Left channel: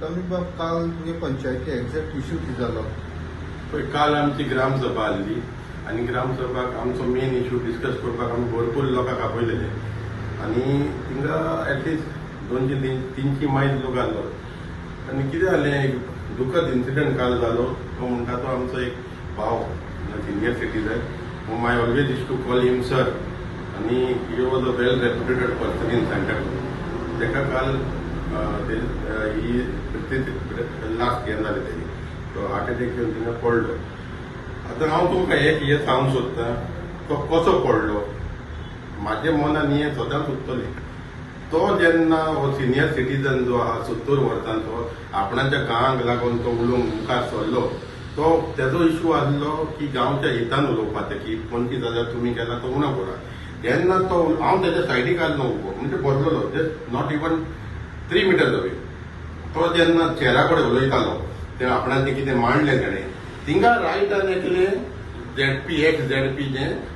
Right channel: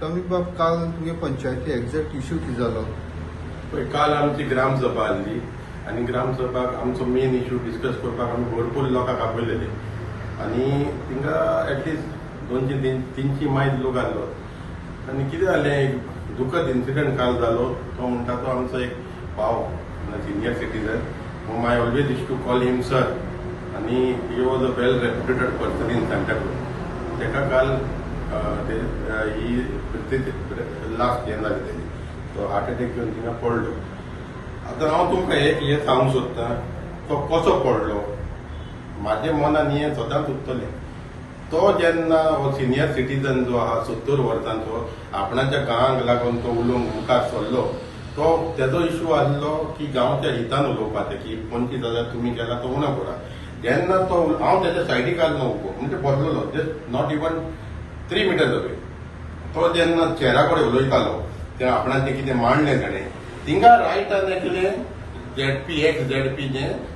कमी बाब काल तुगे पंचायती एक्झॅक्ट इश्यू कितें जालो? पळय, काल आमची ग्रामसभा आसली आनी ग्रामसभाक आमचो मेन इश्यू डिस्कस करपाक आमी भरपूर लोकांक आपयलेले आनी तिंगा एटलिस्ट 200-300 मायल लोक आसलो. आनी कितें जालें, एक दुखद इन्सिडंट काल जालो. तो म्हणटा तो आमचो एक भाव, senior citizen. My always is to call him sir. आनी he was a well reputed person in Santacruz. ताका काल ही लास्ट हें जालें तेजी, तो हार्ट एटॅक घेवन थिंगा पडलो. आतां हांव तुमकां हें सांगूंक सोदतां, तो कसो पडलो. म्हाजे मनान हें सदांच उरतलें. तो जेन्ना हो सिनियर सिटीजन जो आहा 70 वर्सांचो, आपणाच्या गांवांक लागून तो उलोवंक मुखार सरलो. तो तेजो इश्यू आसलो की गांवच्या हितान उलोवपाचें, की 25,000 तुमी केला तो उणो करा. जेन्ना तो हांव तेच्या सायडीक आसलो उबो, म्हणजे बसलोलो, just not even 3 metres away. तो जेन्ना चेरा कडेन उलयतालो, ते आपणाचें कितें मांडलें ताणें, थिंगा रायटान एकलें ZP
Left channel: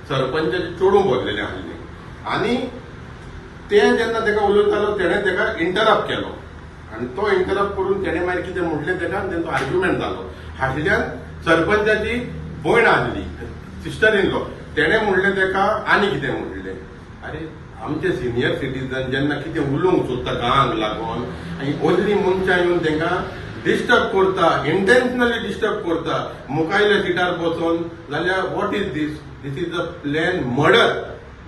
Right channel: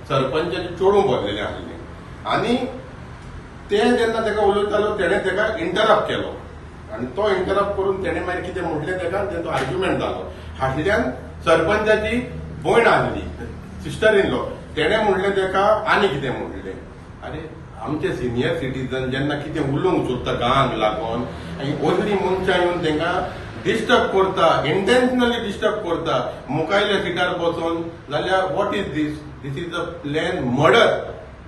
सरपंचाचें चेडूं भरलेलें आसलें. आनी तें जेन्ना ताका उलयतालो, तेणें ताका इंटरप्ट केलो. आनी तो इंटरप्ट करून तेणें मागीर कितें म्हटलें ताका, तेंचो आर्ग्युमेंट जालो. हातल्यान सरपंचाची भयण आसली, सिस्टर इन लॉ, तेणें म्हणलें ताका आनी कितें म्हणलें. अरे, आमचे सिनियर सिटीजन जेन्ना कितें उलोवंक सोदता गांवांक लागून, आनी असलीं मनशां येवन तांकां डिस्टर्ब करता, इंटेन्शनली डिस्टर्ब करता, मुखायल्या सिटार बसून, जाल्यार what is this? This is a plan murder.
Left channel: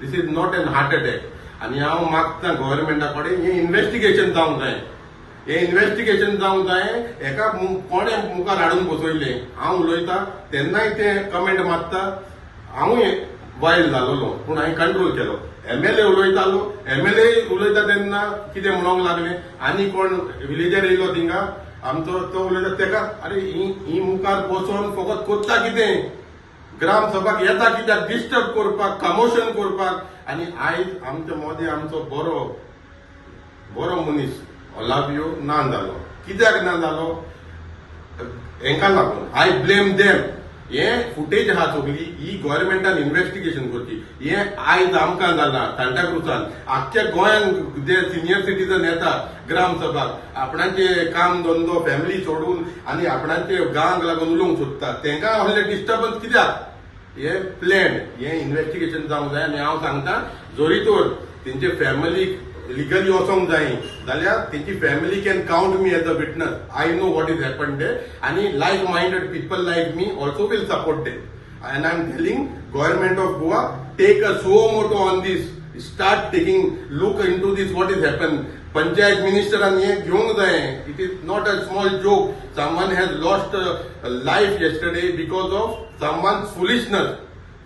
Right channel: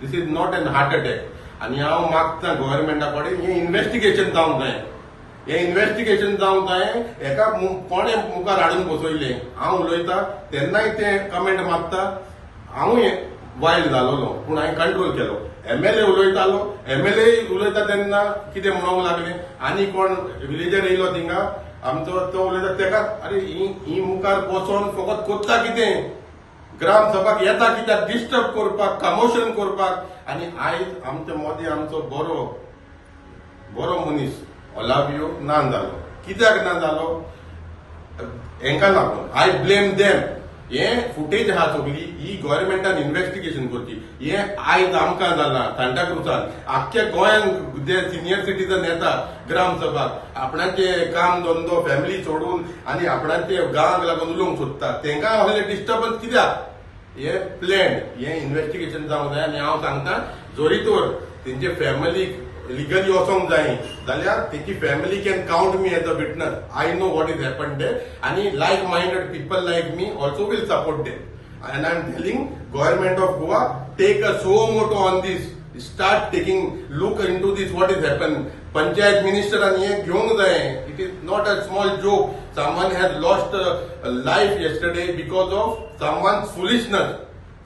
This is not an heart attack. आनी हांव मागतां गव्हर्मेंटा कडेन हें इन्व्हेस्टिगेशन जावंक जाय. हें इन्व्हेस्टिगेशन जावंक जाय. हेका कोणें मुखार हाडून बसयलें, हांव उलयतां तेन्नाय तें कमेंट मागता. हांवूय वायल्ड जालोलो, पूण हांवें कंट्रोल केलो. MLA उलयतालो, MLA उलयता तेन्ना कितें म्हणूंक लागलें. आनी कोण विलेजर येयलो थिंगा, आमचो तो उलयता ताका, अरे ही मुखार बसोन फकत कोत्ता कितें, ग्रामसभाक येता कित्याक डिस्टर्ब करपाक, कमोशन करपाक. आनी आयज आमचो मोदी, आमचो बरो मनीस ओलाबियो ना जालो. कित्याक ना जालो? हेंका लागून. I blame them. हें फुटेज आहा सगळी, ही गव्हर्मेंटान इन्व्हेस्टिगेशन करची. हें आयज आमकां जालां सांताक्रूजान. आख्ख्या गोंयांत जे सिनियर सिटीजन येतात ग्रामसभाक, आपणाचे काम धंदो फॅमिली सोडून आनी आपणाचे गांवांक लागून उलोवंक सोदतात, तांकां असले डिस्टर्बन्स कित्याक? हें प्लॅन. हें इन्व्हेस्टिगेशन जावंक जाय. आनी हांव सांगतां, जोरी तर तेंचे फॅमिलीक लिगली वचोंक जाय जाल्यार तेची family can count me as a witness. I know what is happen day. आनी like minded people like me also will support them. And I'm telling government of Goa, take a suo moto on this. Start taking look into this what is happened. Panchayat minister and ye घेवंक जाय. It is not a small joke. Someone has lost a life yesterday because of someone's foolishness.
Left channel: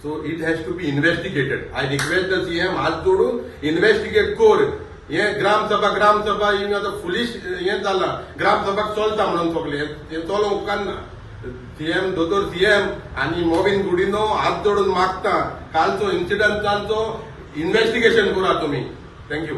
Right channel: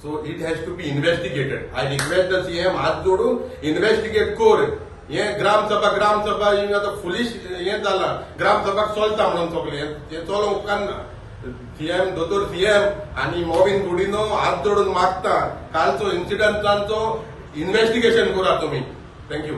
So it has to be investigated. I request the CM हात जोडून investigate कर. हे ग्रामसभा हिंग आतां foolish हें जालां. ग्रामसभाक चलता म्हणून सगळें हें चलोवंक उपकारना. दोतोर सीएम आनी मोविन गुडिनो हात जोडून मागता, कालचो इन्सिडंटांचो इन्व्हेस्टिगेशन करा तुमी. थँक्यू.